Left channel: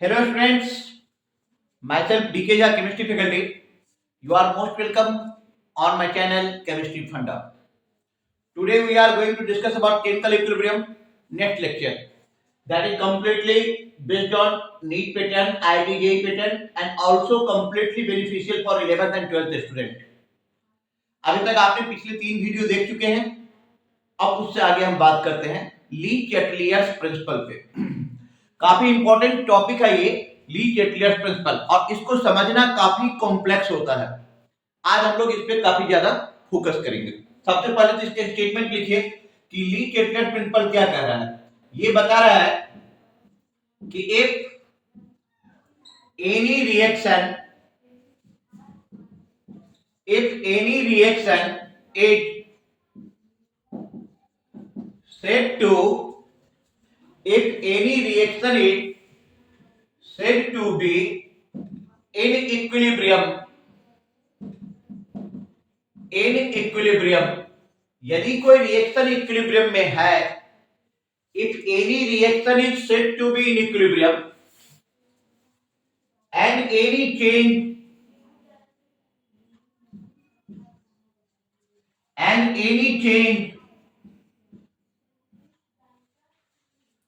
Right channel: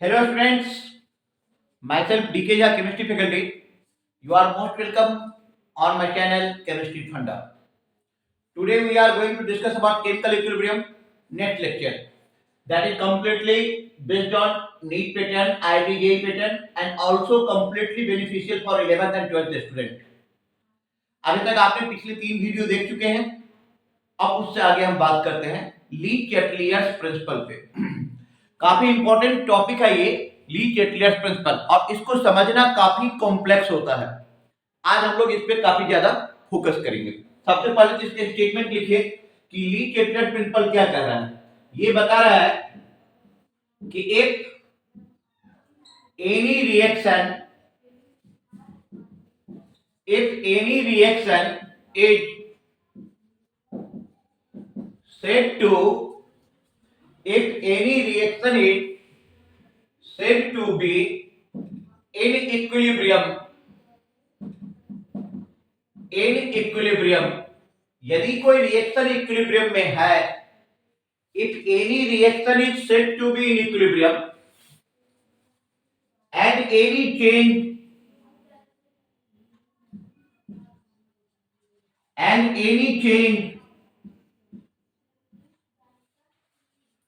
Hello students, myself DK Jha, chemistry faculty. You are most welcome on my channel Chemistry Funda. Today we are going to discuss about chemical equilibrium next lecture. That is completely based on NEET pattern, IIT JEE pattern and also completely beneficial for 11th and 12th student. अभी तक आपने पिछले 3 video देख चुके हैं. अब उससे आगे हम बात करते हैं ली चैटलियर्स प्रिंसिपल पे. काफी इंपॉर्टेंट टॉपिक है ये ली चैटलियर्स प्रिंसिपल और इसको समझना काफी कॉम्प्लेक्स होता है. आज हम लोग इस पे काफी ज्यादा फोकस करेंगे. सबसे पहले तो इसके स्टेटमेंट लिखिए कि ली चैटलियर्स प्रिंसिपल क्या कह रहा है. ये बता रहा है कि if any reaction is said to if any reaction is said to be in equilibrium यदि कोई रिएक्शन इक्विलिब्रियम में है, if any reaction is said to be in equilibrium and any change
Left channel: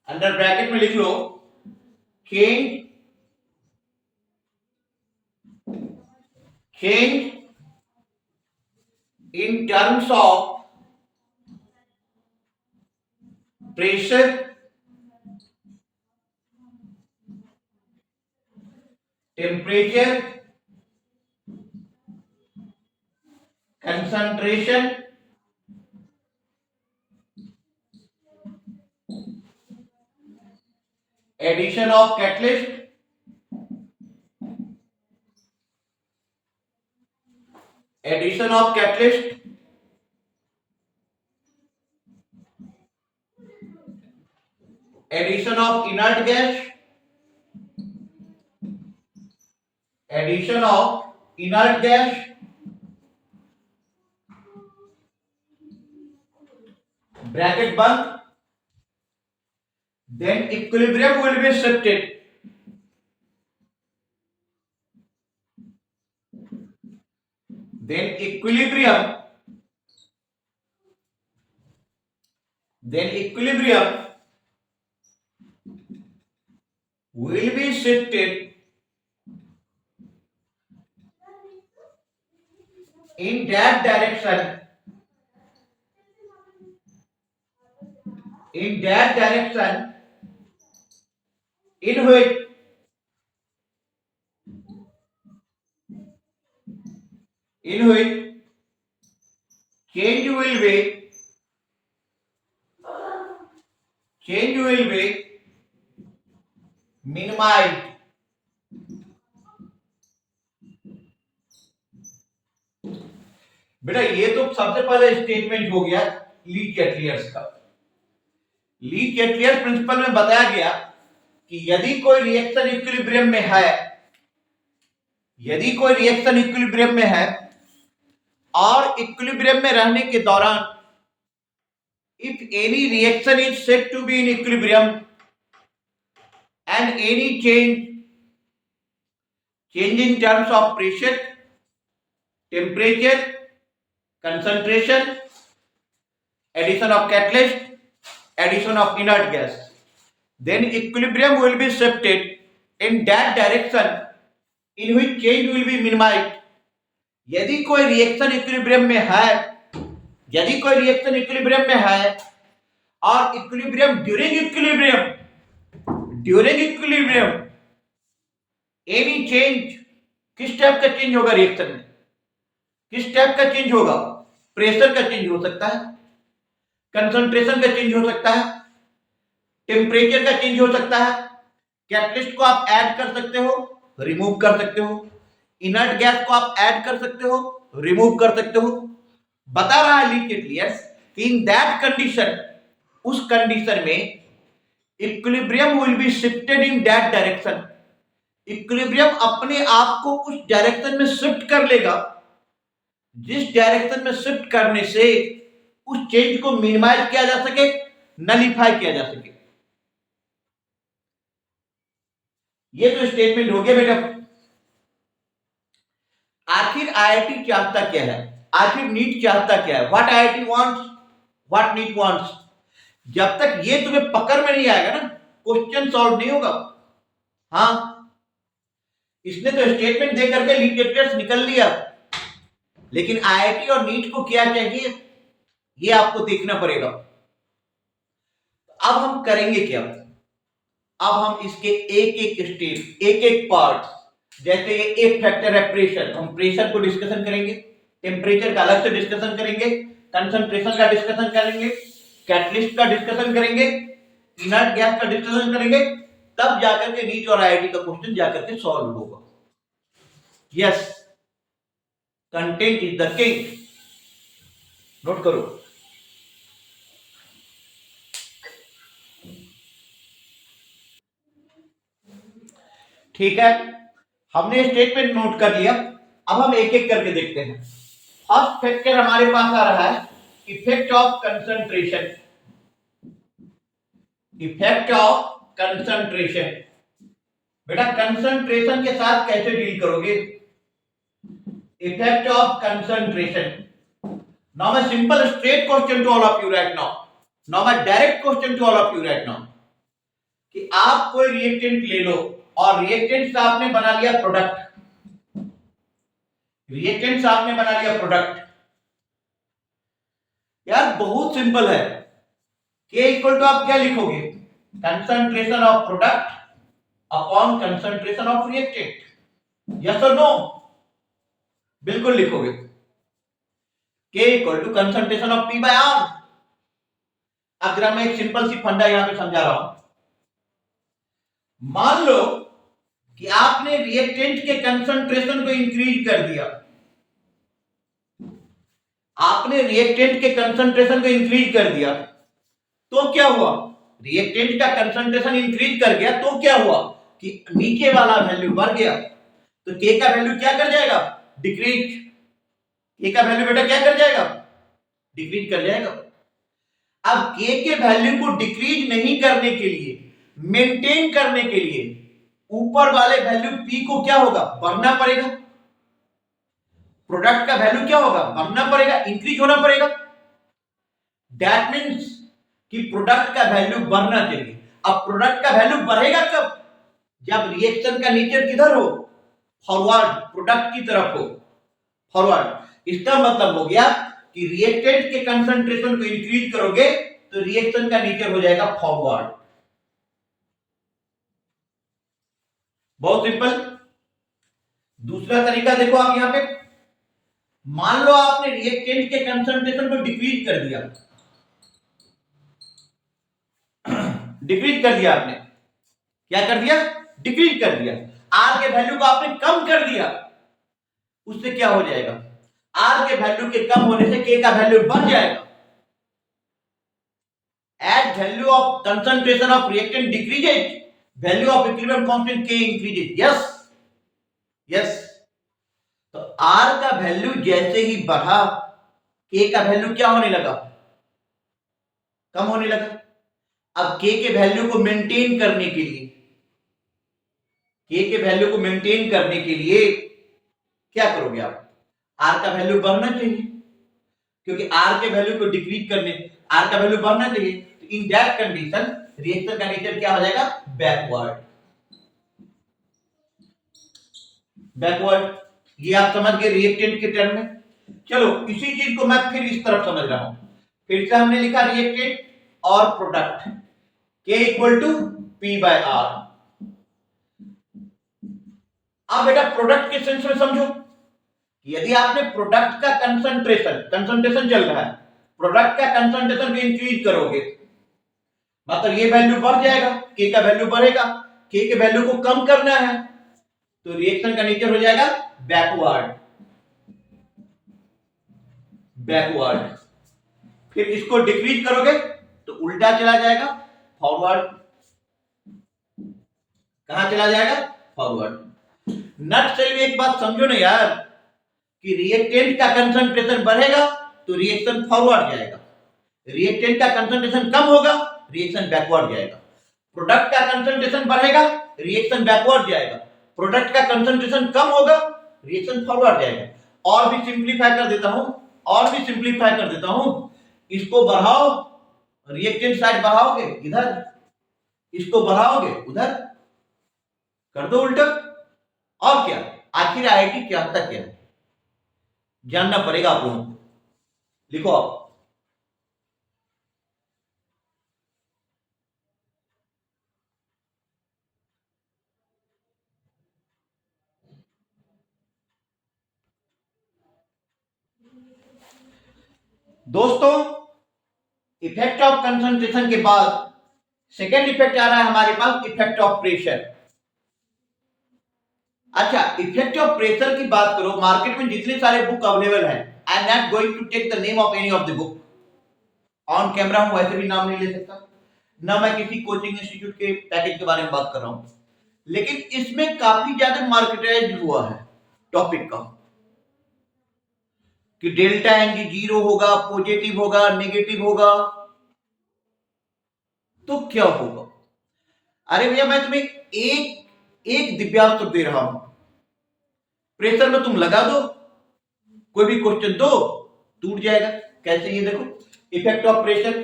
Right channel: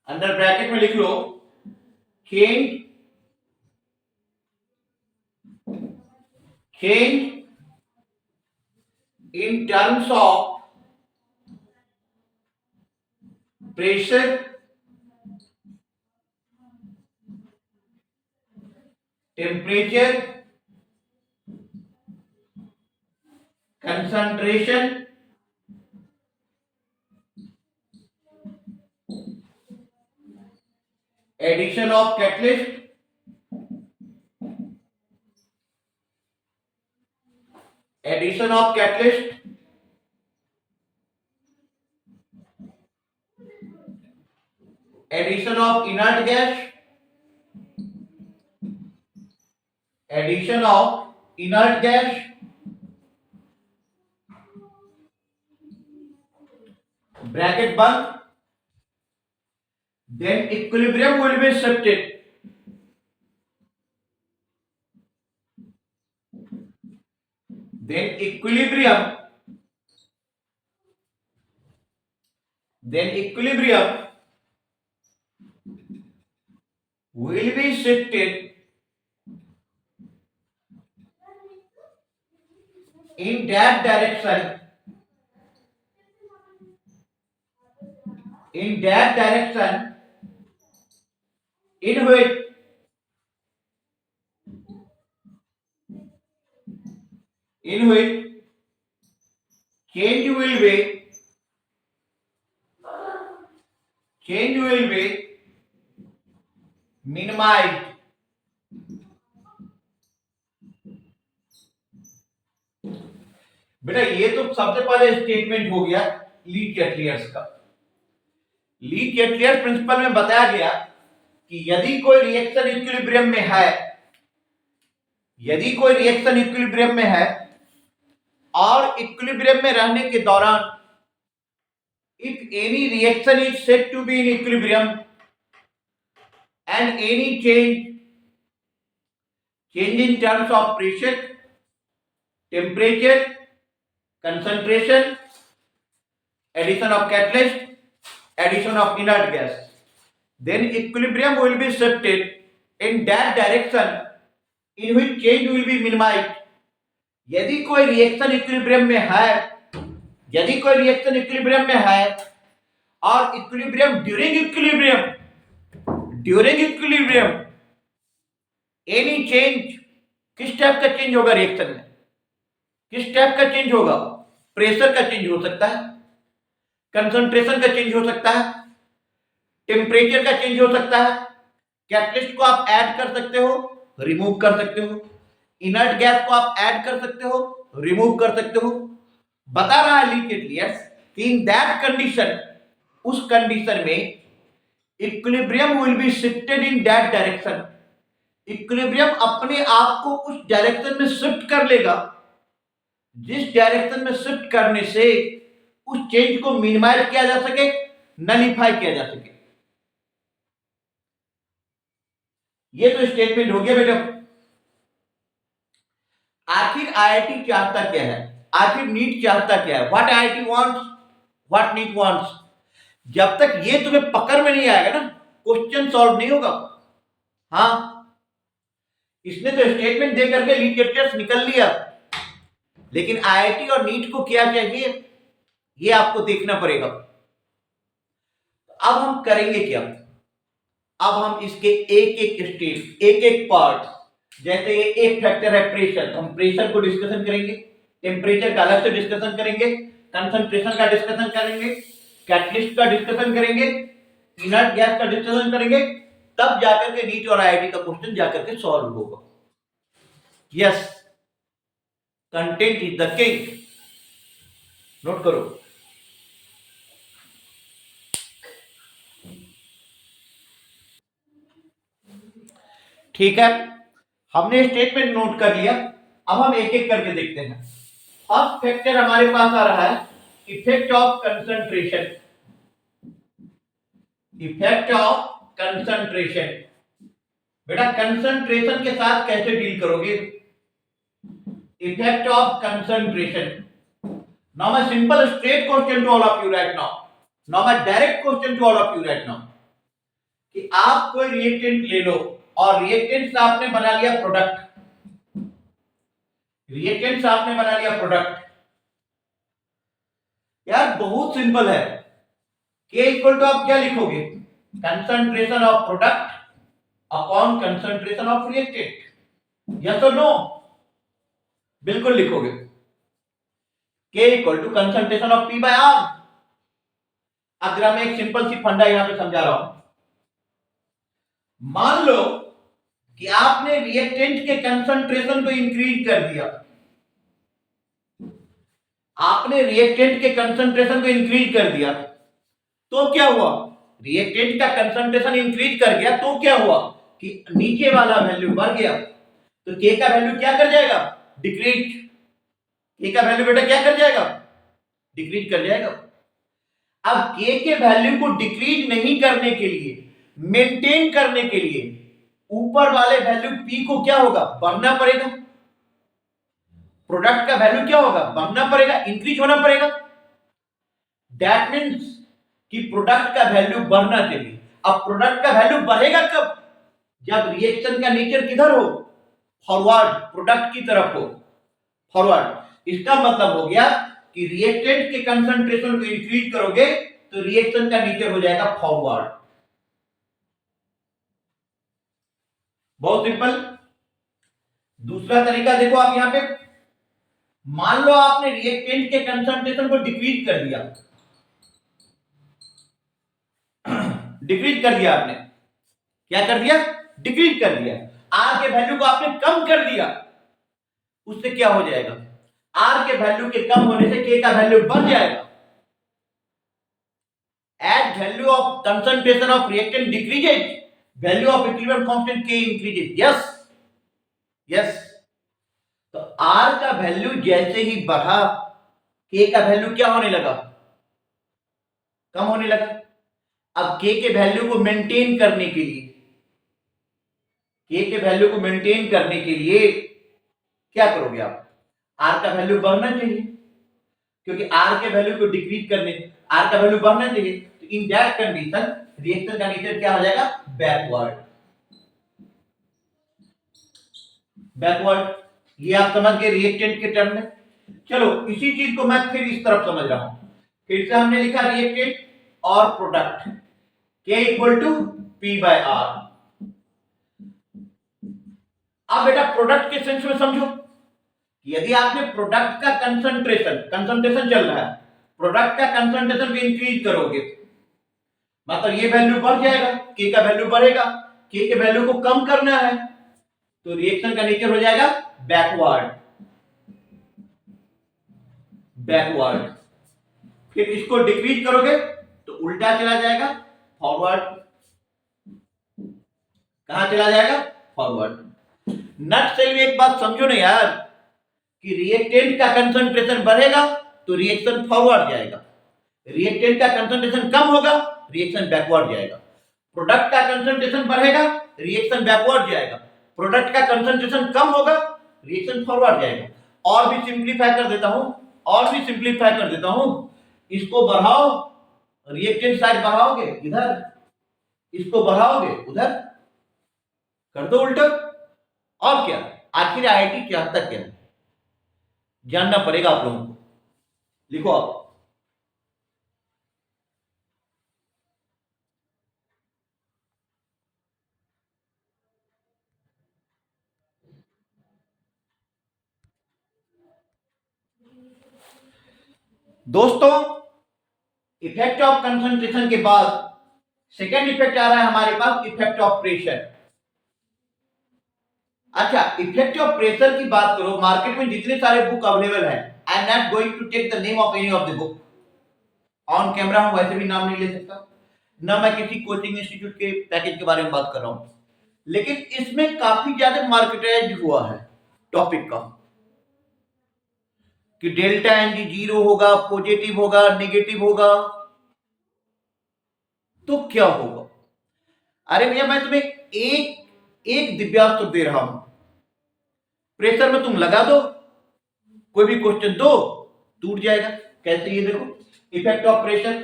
under bracket में लिख लो change in terms of pressure, temperature, concentration, addition of catalyst, addition of inert gas, bracket बंद, then equilibrium will be shifted. Then equilibrium will be shifted in that direction in which change will be minimized. बेटा ये तो सबसे पहले statement हो गया ली चैटलियर्स का. ली चैटलियर्स principal में बताया गया कि यदि कोई रिएक्शन इक्विलिब्रियम में है और इक्विलिब्रियम में रहने के दौरान if any reaction is said to be in equilibrium and any change in terms of pressure, temperature, concentration, addition of catalyst, addition of inert gas, then equilibrium will be shifted in that direction in which change will be minimized. यदि कोई reaction equilibrium में है और equilibrium during equilibrium any change, किस type का change होगा reaction में, किस टाइप का चेंज होगा, प्रेशर का चेंज हो सकता है, कंसंट्रेशन का चेंज हो सकता है, टेम्परेचर का चेंज हो सकता है, कैटलिस्ट को आप ऐड कर सकते हो, रिमूव कर सकते हो, इनर्ट गैस को आप ऐड कर सकते हो, रिमूव कर सकते हो. बता रहा है ली चैटलियर्स कि इन दैट कंडीशन, उस कंडीशन में equilibrium will be shifted in that direction. Equilibrium अपने आप को उस डायरेक्शन में शिफ्ट कर लेगा जिस डायरेक्शन में शिफ्ट करने से उस चेंज को मिनिमाइज किया जा सके, नलीफाई किया जा सके. ये तो स्टेटमेंट हो गया बेटा। आखिर आईआईटी चाहता क्या है, आखिर नीट चाहता क्या है, what IIT wants, what NEET wants. जब तक ये तुम्हें पकड़ में नहीं आएगा ना, क्वेश्चन सॉल्व नहीं होगा। हाँ, इसने तो स्टेटमेंट दे करके लीड क्रिकेटर्स निकल लिया, लेकिन आईआईटी और नीट को क्या चाहिए ये आपको देखना पड़ेगा। अब हम करेंगे क्या, अब हम इसके एक एक स्टेप, एक एक पार्ट, जैसे ये एक फैक्टर है प्रेशर, हम प्रेशर को डिस्कशन करेंगे, टेम्परेचर का अलग से डिस्कशन करेंगे, कंसंट्रेशन का डिस्कशन करेंगे, कैटलिस्ट का डिस्कशन करेंगे, इनर्ट गैस का डिस्कशन करेंगे, तब जाकर के नीट और आईआईटी का क्वेश्चन जाकर के सॉल्व होगा। Yes, content is the king, note करो। ठीक है, हमने स्टेटमेंट नोट कर लिया। अब हम एक एक करके देखते हैं। फर्स्ट फैक्टर हमारे पास आ रहा है effect of concentration, effect of concentration. बेटा कंसंट्रेशन के साथ कैसे डील करोगे, effect of concentration. Now my simple straight question to all of you right now, now my direct question to all of you right now, कि आप कोई reactant ले लो और रिएक्टेंट से आपने बना लिया प्रोडक्ट, रिएक्टेंट से आपने बना लिया प्रोडक्ट। यार बहुत सिंपल है, K इक्वल टू आप क्या लिखोगे, concentration of product upon concentration of reactant, yes और नो, बिल्कुल लिखोगे। K equal to concentration of P by R। अब जरा मैं एक सिंपल सी फंडा यहां पे समझा रहा हूं। मान लो कि आपने रिएक्टेंट के कंसंट्रेशन को इंक्रीज कर दिया, आपने रिएक्टेंट के कंसंट्रेशन को इंक्रीज कर दिया, तो क्या हुआ, रिएक्टेंट का कंसंट्रेशन इंक्रीज कर गया तो क्या हुआ कि नीचे वाला वैल्यू बढ़ गया, तो K का वैल्यू क्या कर जाएगा, डिक्रीज। K का वैल्यू बेटा क्या कर जाएगा, डिक्रीज कर जाएगा। अब K के वैल्यू को डिक्रीज नहीं करने के लिए, मेंटेन करने के लिए ऊपर वाले वैल्यू P को क्या होगा, बढ़ना पड़ेगा। प्रोडक्ट का वैल्यू क्या होगा, बढ़ना पड़ेगा, इंक्रीज होना पड़ेगा। दैट मीन्स कि प्रोडक्ट का वैल्यू बढ़ना चाहिए। अब प्रोडक्ट का वैल्यू बढ़ेगा कब, जब रिएक्शन का नेचर किधर हो, फॉरवर्ड, प्रोडक्ट की तरफ हो, फॉरवर्ड। इसका मतलब हो गया कि रिएक्टेंट के कंसंट्रेशन को इंक्रीज करोगे तो रिएक्शन का नेचर हो जाएगा फॉरवर्ड। बहुत सिंपल। दूसरा तरीका देखो आप यहां पे, मान लो आपने रिएक्टेंट के कंसंट्रेशन को डिक्रीज कर दिया, डिक्रीज कर दिया आपने, क्या कर दिया, डिक्रीज कर दिया। आर के वैल्यू को आपने कम कर दिया, उससे क्या हो जाएगा, आर के वैल्यू के कम होने से के का वैल्यू बढ़ जाएगा। As value of concentration of reactant decreases, value of equilibrium constant K increases. Yes, yes. तो आर का वैल्यू जैसे ही बढ़ा, के का वैल्यू क्या होने लगा, कम होने लगा। अब के के वैल्यू को मेंटेन करने के लिए, के वैल्यू को मेंटेन करने के लिए क्या करोगे आप, आर का वैल्यू बढ़ना चाहिए, क्योंकि आर के वैल्यू को डिक्रीज करने, आर का वैल्यू बढ़ना चाहिए। तो इन दैट कंडीशन रिएक्शन का नेचर क्या हो जाएगा, बैकवर्ड, बैकवर्ड। ये आप समझ गए रिएक्टेंट के टर्म में। चलो इसी चीज को मैं फिर इस तरफ समझ रहा हूं। फिर से हमने लिखा रिएक्टेंट और product, K equal to P by R। अब बेटा प्रोडक्ट के सेंस में समझो, यदि आपने प्रोडक्ट का कंसंट्रेशन, कंसंट्रेशन चल रहा है, प्रोडक्ट का कंसंट्रेशन भी इंक्रीज करोगे, मतलब ये वैल्यू बढ़ जाएगा, K का वैल्यू बढ़ेगा, K के वैल्यू को कम करना है, तो रिएक्शन का नेचर हो जाएगा बैकवर्ड, बैकवर्ड। फिर इसको डिक्रीज करोगे तो उल्टा चला जाएगा, फॉरवर्ड। कहां चला जाएगा, फॉरवर्ड। नट से एक बात समझो ना यार, कि रिएक्टेंट का कंसंट्रेशन बढ़ेगा तो रिएक्शन फॉरवर्ड जाएगा, रिएक्टेंट का कंसंट्रेशन कम होगा, रिएक्शन बैकवर्ड जाएगा। प्रोडक्ट का कंसंट्रेशन बढ़ेगा, रिएक्शन बैकवर्ड जाएगा। प्रोडक्ट का कंसंट्रेशन कम होगा, रिएक्शन फॉरवर्ड जाएगा। और भी सिंप्लीफाई कर देता हूं, इसको बढ़ाओ, रिएक्टेंट साइड बढ़ाओगे इधर, इसको बढ़ाओगे उधर, कर दो उल्टा। और क्या, आखिर आईआईटी चाहता क्या है, जानना पड़ेगा आप लोगों को। लिखो आप, दोस्तों इफेक्ट ऑफ कंसंट्रेशन के बाद सेकेंड इफेक्ट आ रहा है हमारे पास, इफेक्ट ऑफ प्रेशर। अच्छा, इफेक्ट ऑफ प्रेशर की बात करो, मार्केट में जितने सारे बुक अवेलेबल है, I am not going to take the name of any of the book, on camera हूं वैसे भी नाम नहीं ले सकता, ना मैं किसी कोचिंग इंस्टीट्यूट के पैकेज के बारे में बात कर रहा हूं, लेकिन इसमें काफी ज्यादा मार्केटाइज हुआ है टॉपिक का कि डेल्टा एनजी जीरो होगा, पॉजिटिव होगा, नेगेटिव होगा, तो क्या होगा। अरे भैया मैं तुम्हें एक दिव्यांश तो दे रहा हूं, प्रेशर में तुम लगा दो, कोई भी क्वेश्चन दो, टूट जाएगा। कैसे, ये देखो, effect of pressure,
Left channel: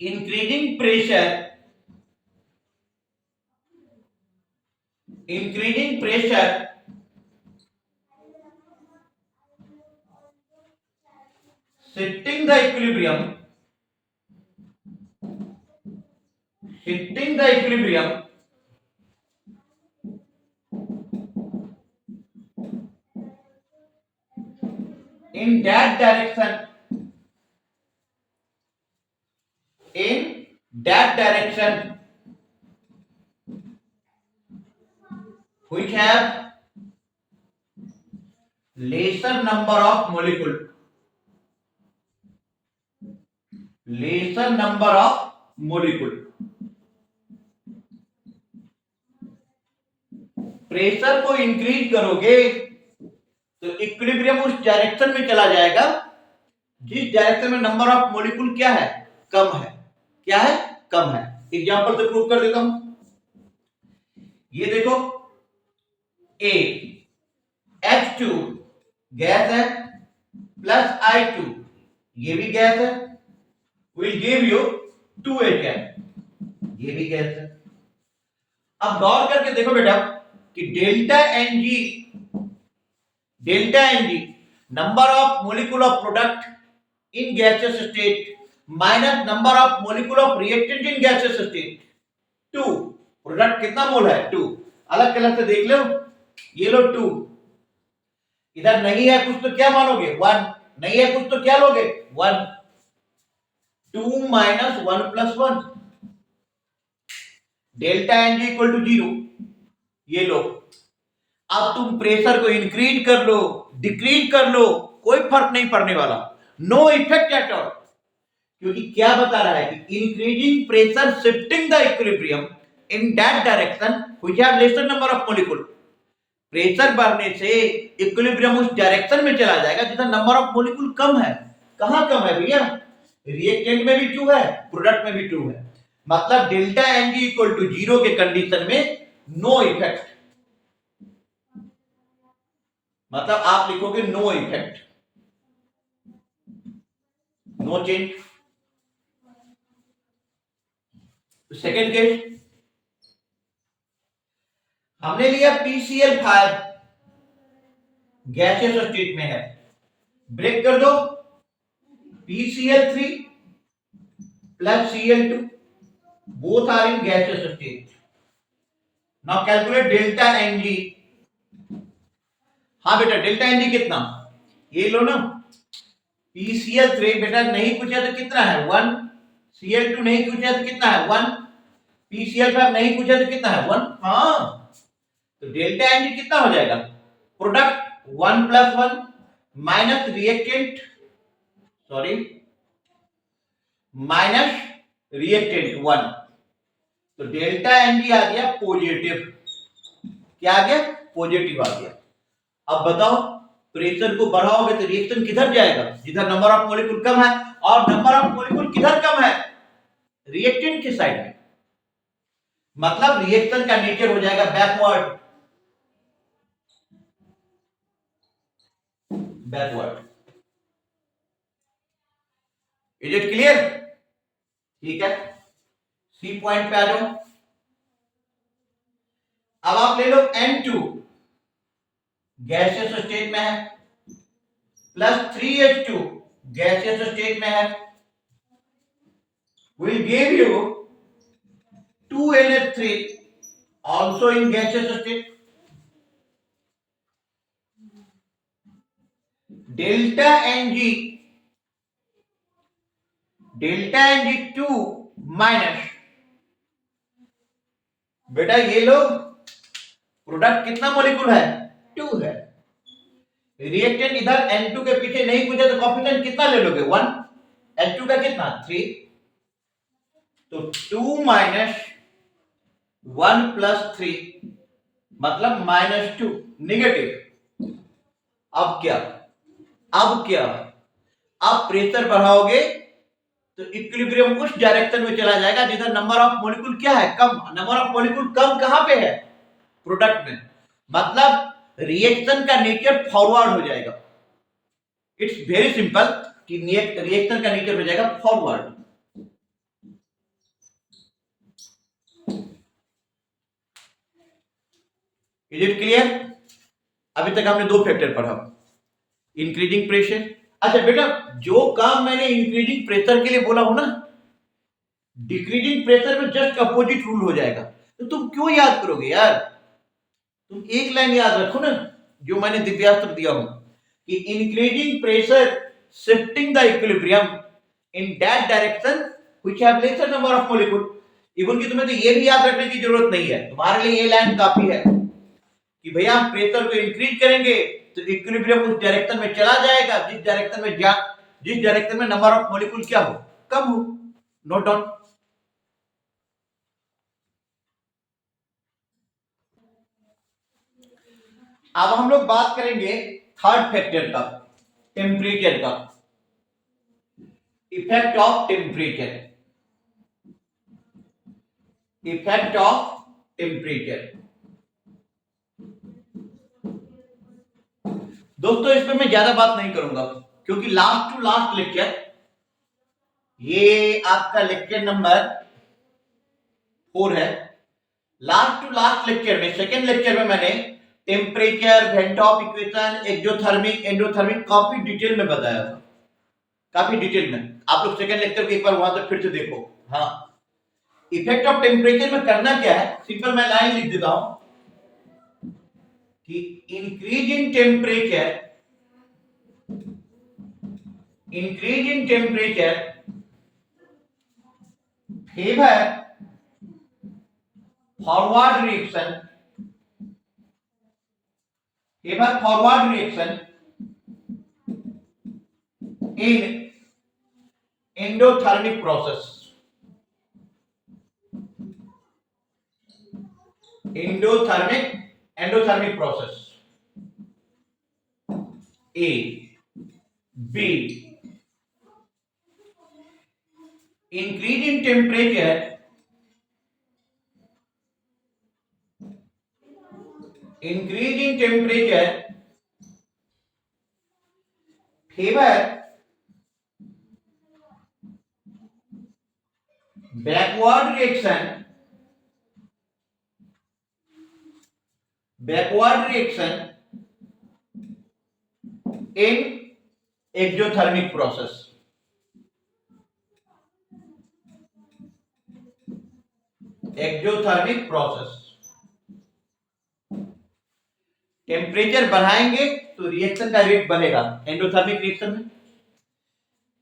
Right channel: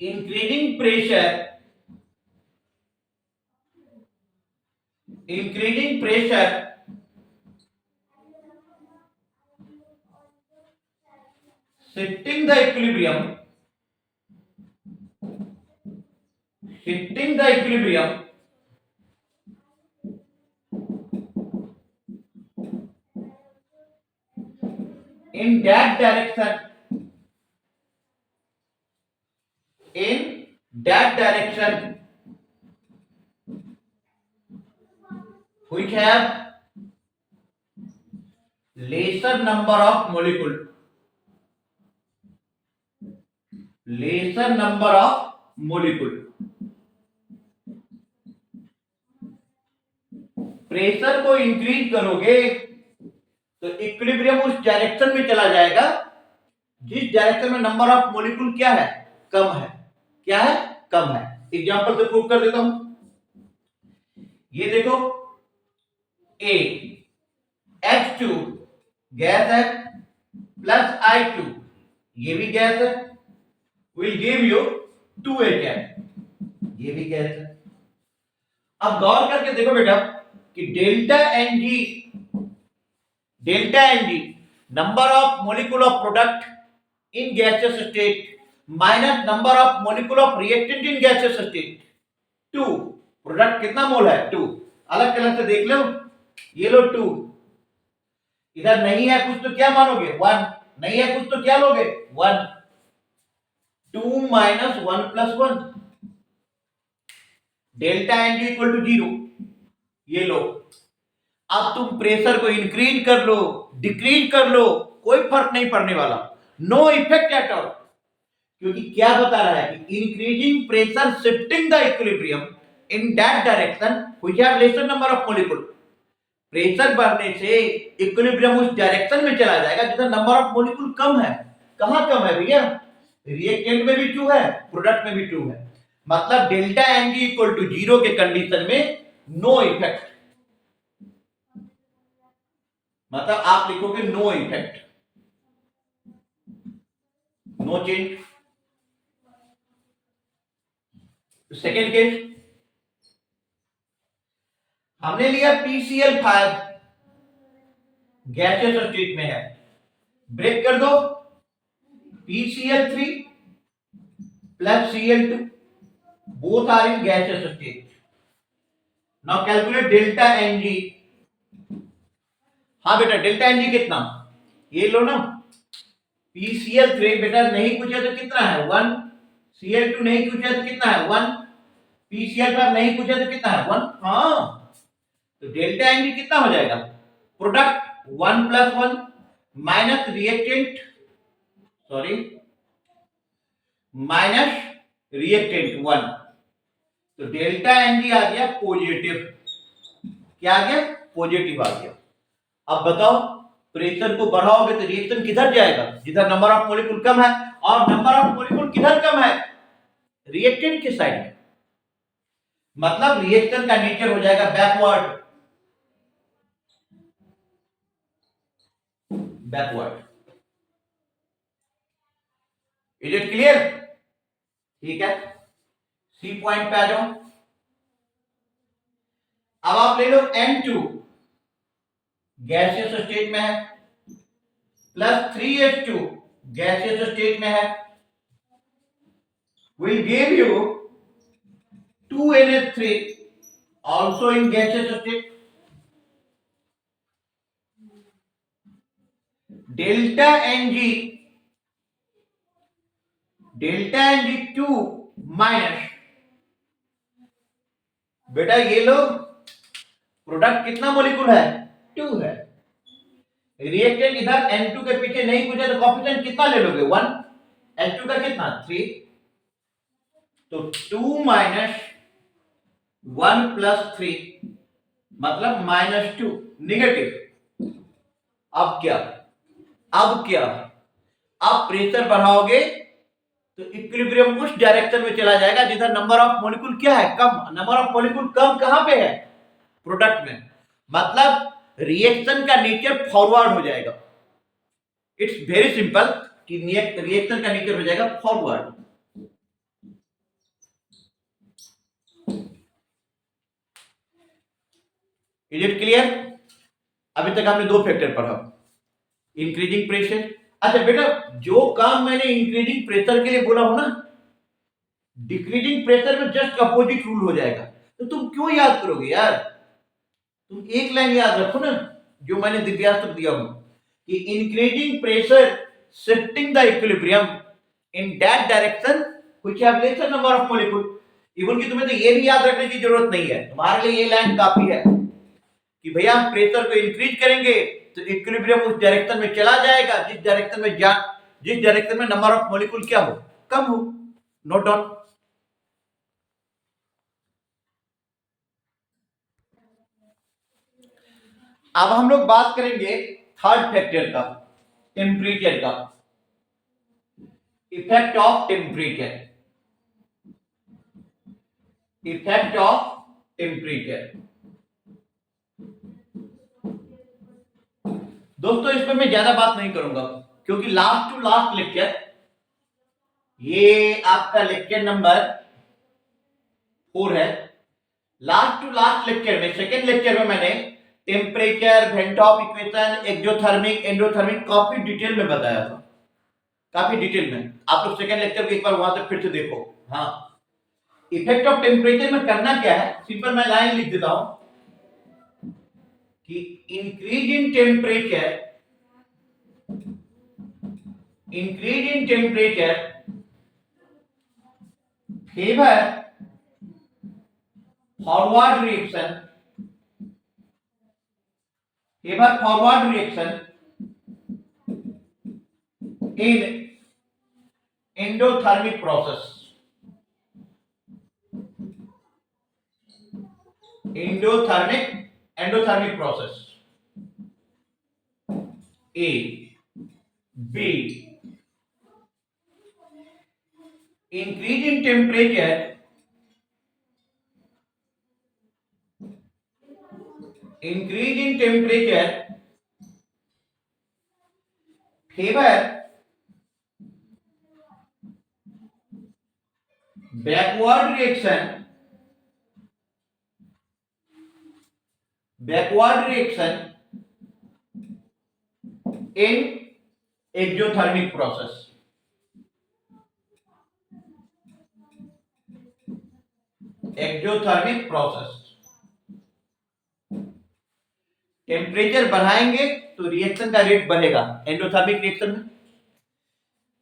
increasing pressure shifting the equilibrium in that direction which have lesser number of molecule, pressure को इंक्रीज करोगे तो इक्विलिब्रियम उस डायरेक्शन में चला जाएगा जिस डायरेक्शन में नंबर ऑफ मॉलिक्यूल क्या है, कम है। क्या है, कम है। एग्जांपल से प्रूव कर देता हूं, ये देखो, A H2 गैस है प्लस I2 ये भी गैस है, विल गिव यू 2HN ये भी गैस है। अब गौर करके देखो बेटा कि delta n g number of molecule of product in gaseous state minus number of molecule of reactant in gaseous state, 2। प्रोडक्ट कितना मोल है, 2। अलग कलर से देख लो, ये लो 2, इधर नहीं है कुछ तो क्या मानोगे, 1, नहीं है कुछ तो क्या लोगे, 1। 2 minus 1 plus 1, delta n g equal to 0, ये लो। अब तुम प्रेशर को इंक्रीज कर लो, डिक्रीज कर लो, कोई फर्क नहीं पड़ने वाला, नो इफेक्ट एट ऑल, क्योंकि क्या बता रहा है कि increasing pressure shifting the equilibrium in that direction which have laser number of molecule, pressure बढ़ने से इक्विलिब्रियम उस डायरेक्शन में चला जाएगा जिधर नंबर ऑफ मॉलिक्यूल कम है। कहां कम है भैया, रिएक्टेंट में भी 2 है, प्रोडक्ट में भी 2 है, मतलब डेल्टा एनजी इक्वल टू 0 के कंडीशन में नो इफेक्ट, मतलब आप लिखोगे no effect, no change. Second case हमने लिया PCl5 गैसियस स्टेट में है, ब्रेक कर दो, PCl3 plus Cl2 both are in gaseous state. Now calculate delta n g. हाँ बेटा, डेल्टा एनजी कितना, ये लो ना, PCl3 बेटा नहीं पूछा तो कितना है, 1, Cl2 नहीं पूछा तो कितना है, 1, PCl5 नहीं पूछा तो कितना है, 1। हाँ, तो डेल्टा एनजी कितना हो जाएगा, product 1 plus 1 minus reactant, sorry minus reactant 1, तो डेल्टा एनजी आ गया पॉजिटिव। क्या आ गया, पॉजिटिव आ गया। अब बताओ, प्रेशर को बढ़ाओगे तो रिएक्शन किधर जाएगा, जिधर नंबर ऑफ मॉलिक्यूल कम है, और नंबर ऑफ मॉलिक्यूल किधर कम है, रिएक्टेंट के साइड में। मतलब रिएक्शन का नेचर हो जाएगा बैकवर्ड। Is it clear? ठीक है, सी पॉइंट पे आ जाओ। अब आप ले लो N2 गैसियस स्टेट में है, प्लस 3H2 गैसियस स्टेट में है, will give you 2NH3 also in gaseous state. Delta Ng 2 minus, बेटा ये लो प्रोडक्ट कितना मॉलिक्यूल है? 2 है। रिएक्टेंट इधर N2 के पीछे नहीं पूछे तो कोफिशिएंट कितना ले लोगे? 1। H2 का कितना? 3। तो 2 माइनस 1 प्लस 3 मतलब -2, निगेटिव। अब क्या? आप प्रेशर बढ़ाओगे तो इक्विलिब्रियम उस डायरेक्शन में चला जाएगा जिधर नंबर ऑफ मॉलिक्यूल क्या है? कम। नंबर ऑफ मॉलिक्यूल कम कहां पे है? प्रोडक्ट में। मतलब रिएक्शन का नेचर फॉरवर्ड हो जाएगा। इट्स वेरी सिंपल कि रिएक्शन का नेचर हो जाएगा फॉरवर्ड। Is it clear? अभी तक हमने 2 फैक्टर पढ़ा, इंक्रीजिंग प्रेशर। अच्छा बेटा, जो काम मैंने इंक्रीजिंग प्रेशर के लिए बोला हो ना, डिक्रीजिंग प्रेशर में जस्ट अपोजिट रूल हो जाएगा। तो तुम क्यों याद करोगे यार? तुम एक लाइन याद रखो ना, जो मैंने दिव्यास्त्र दिया हूं कि increasing pressure shifting the equilibrium in that direction which have laser number of molecule. Even कि तुम्हें तो ये भी याद रखने की जरूरत नहीं है, तुम्हारे लिए ये लाइन काफी है कि भैया हम प्रेशर को इंक्रीज करेंगे तो इक्विलिब्रियम उस डायरेक्शन में चला जाएगा जिस डायरेक्शन में नंबर ऑफ मॉलिक्यूल क्या हो? कम हो। Note down. अब हम लोग बात करेंगे थर्ड फैक्टर का, टेम्परेचर का। Effect of temperature. दोस्तों इसमें मैं ज्यादा बात नहीं करूंगा क्योंकि लास्ट टू लास्ट लेक्चर, ये आपका लेक्चर नंबर 4 है। लास्ट टू लास्ट लेक्चर में, सेकेंड लेक्चर में मैंने temperature, when top equation, exothermic, endothermic काफी डिटेल में बताया था, काफी डिटेल में। आप लोग सेकेंड लेक्चर को एक बार वहां से फिर से देखो। हाँ, इफेक्ट ऑफ टेम्परेचर में करना क्या है? सिंपल मैं लाइन लिख देता हूं कि increase in temperature favour forward reaction in endothermic process. Endothermic process. A, B. Increase in temperature favor backward reaction in exothermic process. Temperature बढ़ाएंगे तो रिएक्शन का रेट बढ़ेगा एंडोथर्मिक रिएक्शन में।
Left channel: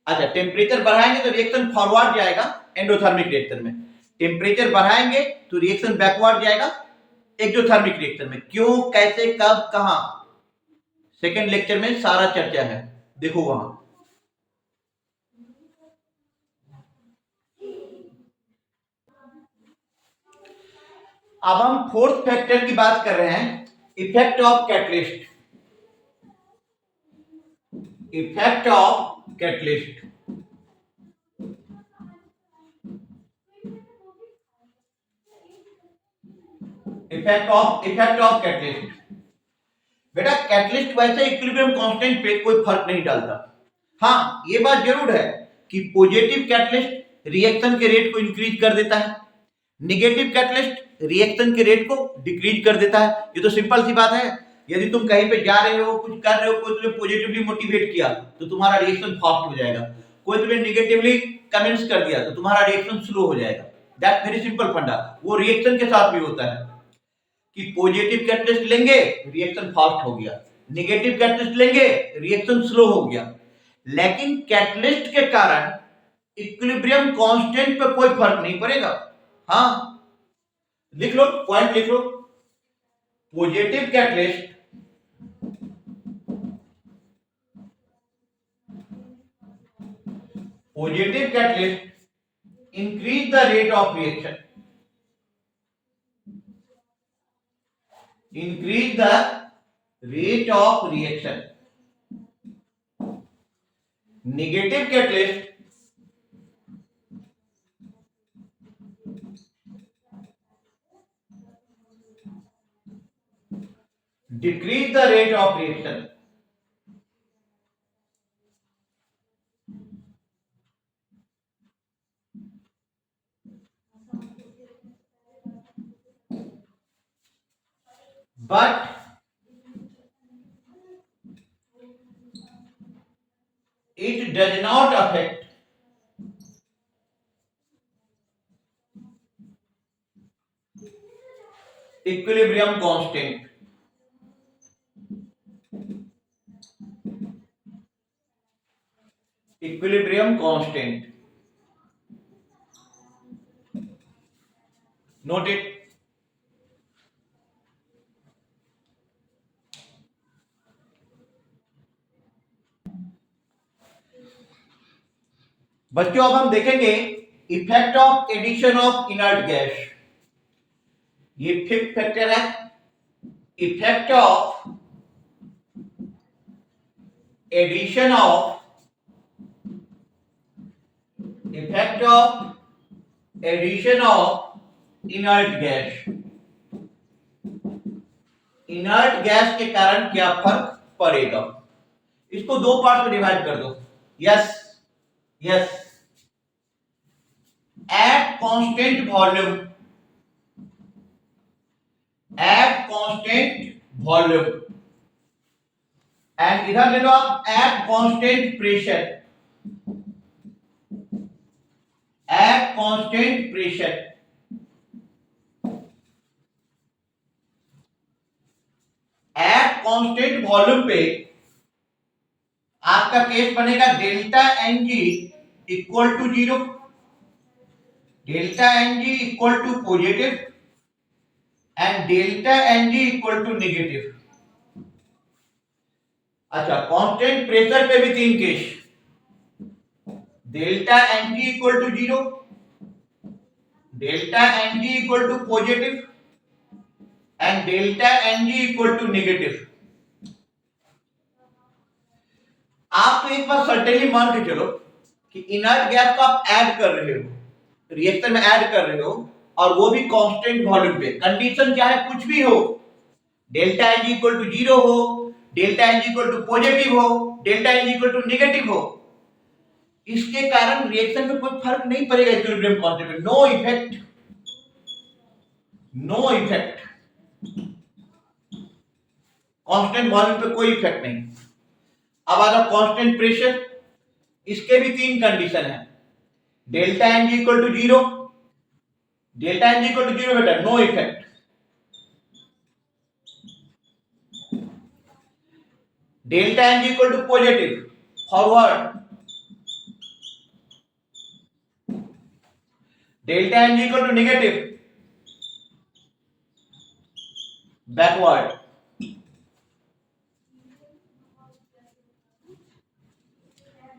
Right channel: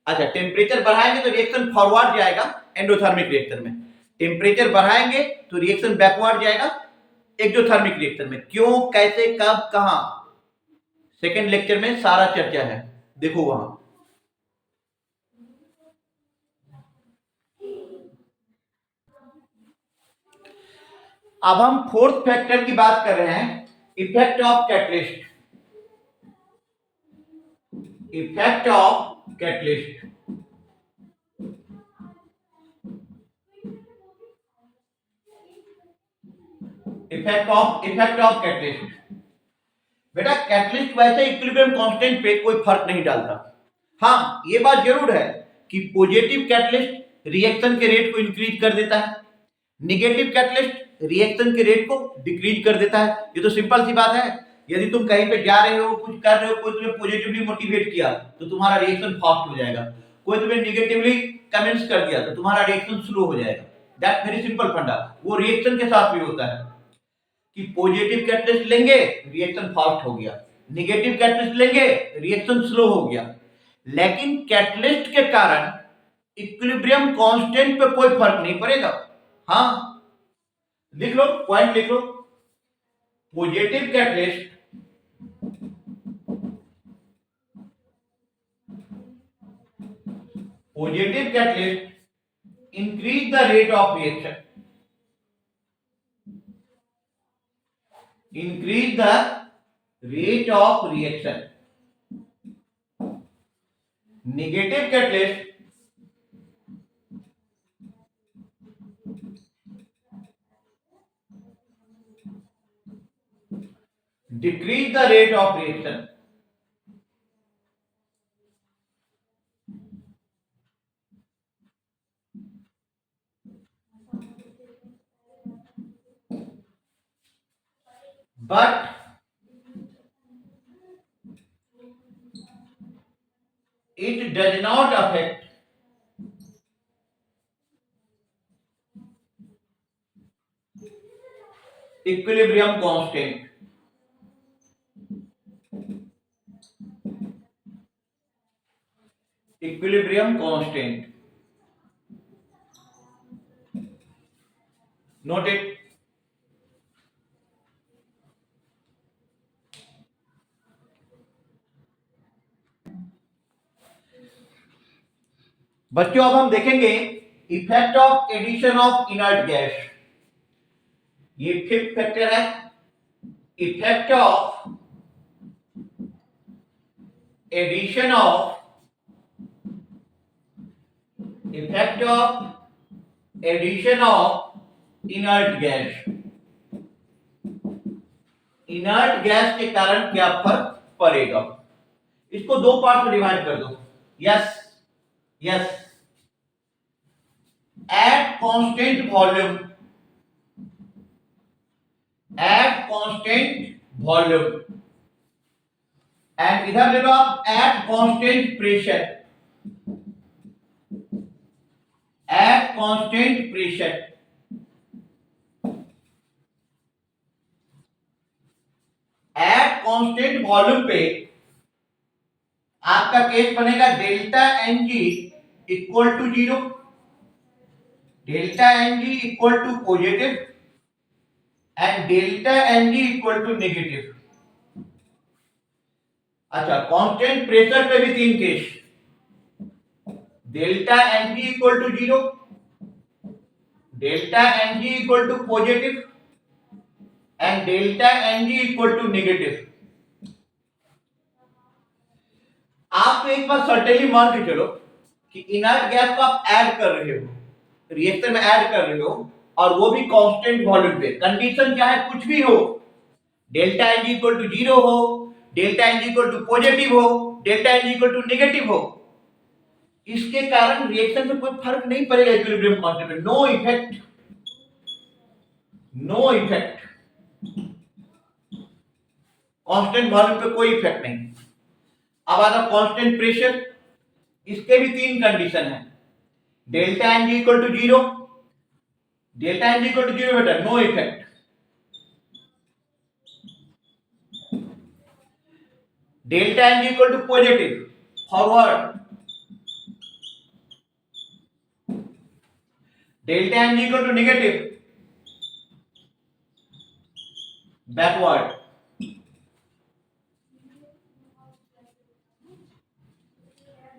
अच्छा, टेम्परेचर बढ़ाएंगे तो रिएक्शन फॉरवर्ड जाएगा एंडोथर्मिक रिएक्शन में, टेम्परेचर बढ़ाएंगे तो रिएक्शन बैकवर्ड जाएगा एक्सोथर्मिक रिएक्शन में। क्यों, कैसे, कब, कहां, सेकेंड लेक्चर में सारा चर्चा है, देखो वहां। अब हम फोर्थ फैक्टर की बात कर रहे हैं, effect of catalyst. Effect of catalyst. बेटा कैटलिस्ट वैसे इक्विलिब्रियम कांस्टेंट पे कोई फर्क नहीं डालता। हाँ ये बात जरूर है कि पॉजिटिव कैटलिस्ट रिएक्शन के रेट को इंक्रीज कर देता है, नेगेटिव कैटलिस्ट रिएक्शन के रेट को डिक्रीज कर देता है। ये तो सिंपल सी बात है। यदि तुम कहीं पे जा रहे हो, कुछ कर रहे हो, कोई तुम्हें पॉजिटिवली मोटिवेट किया तो तुम्हारा रिएक्शन फास्ट हो जाएगा, कोई तुम्हें नेगेटिवली कमेंट्स कर दिया तो तुम्हारा रिएक्शन स्लो हो जाएगा। दैट्स वेरी सिंपल फंडा। वो रिएक्शन के साथ भी होता है कि पॉजिटिव कैटलिस्ट लेंगे रिएक्शन फास्ट हो गया, नेगेटिव कैटलिस्ट लेंगे रिएक्शन स्लो हो गया। लेकिन कैटलिस्ट के कारण इक्विलिब्रियम कांस्टेंट पे कोई फर्क नहीं पड़ेगा। हाँ लिख लो, पॉइंट लिख लो। Positive catalyst increase the rate of reaction, increase the rate of reaction. Negative catalyst decrease the rate of reaction. But it does not affect equilibrium constant. Equilibrium constant. Note it. बच्चों अब हम देखेंगे effect of addition of inert gas. ये fifth factor है, effect of addition of inert gas. Inert gas के कारण क्या फर्क पड़ेगा, इसको दो पार्ट में डिवाइड कर दो। Yes at constant volume, and इधर ले लो आप at constant pressure, at constant volume पे आपका केस बनेगा delta n g equal to 0, delta n g equal to positive and delta n g equal to negative. अच्छा constant pressure पे भी तीन case, delta n g equal to 0, delta n g equal to positive and delta n g equal to negative. आप तो एक बार certainly मान के चलो कि इनर्ट गैस को आप ऐड कर रहे हो, रिएक्टर में ऐड कर रहे हो, और वो भी कांस्टेंट वॉल्यूम पे। कंडीशन चाहे कुछ भी हो, delta n g equal to 0 हो, delta n g equal to positive हो, delta n g equal to negative हो, इसके कारण रिएक्शन में कोई फर्क नहीं पड़ेगा इक्विलिब्रियम कांस्टेंट में। नो इफेक्ट कांस्टेंट वॉल्यूम पे कोई इफेक्ट नहीं। अब आता कांस्टेंट प्रेशर, इसके भी तीन कंडीशन है, delta n g equal to 0, delta n g equal to 0 बेटा no effect, delta n g equal to positive forward, delta n g equal to negative backward.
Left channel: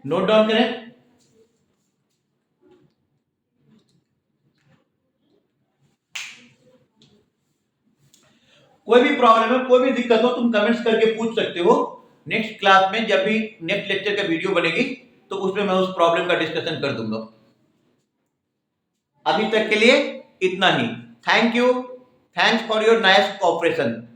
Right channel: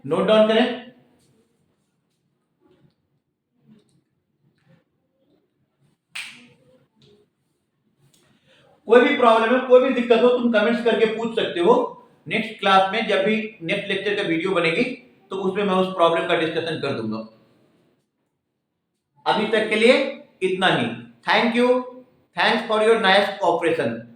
Note down करें। कोई भी problem है, कोई भी दिक्कत हो, तुम कमेंट्स करके पूछ सकते हो। नेक्स्ट क्लास में जब भी नेक्स्ट लेक्चर का वीडियो बनेगी तो उसमें मैं उस प्रॉब्लम का डिस्कशन कर दूंगा। अभी तक के लिए इतना ही। Thank you. Thanks for your nice cooperation.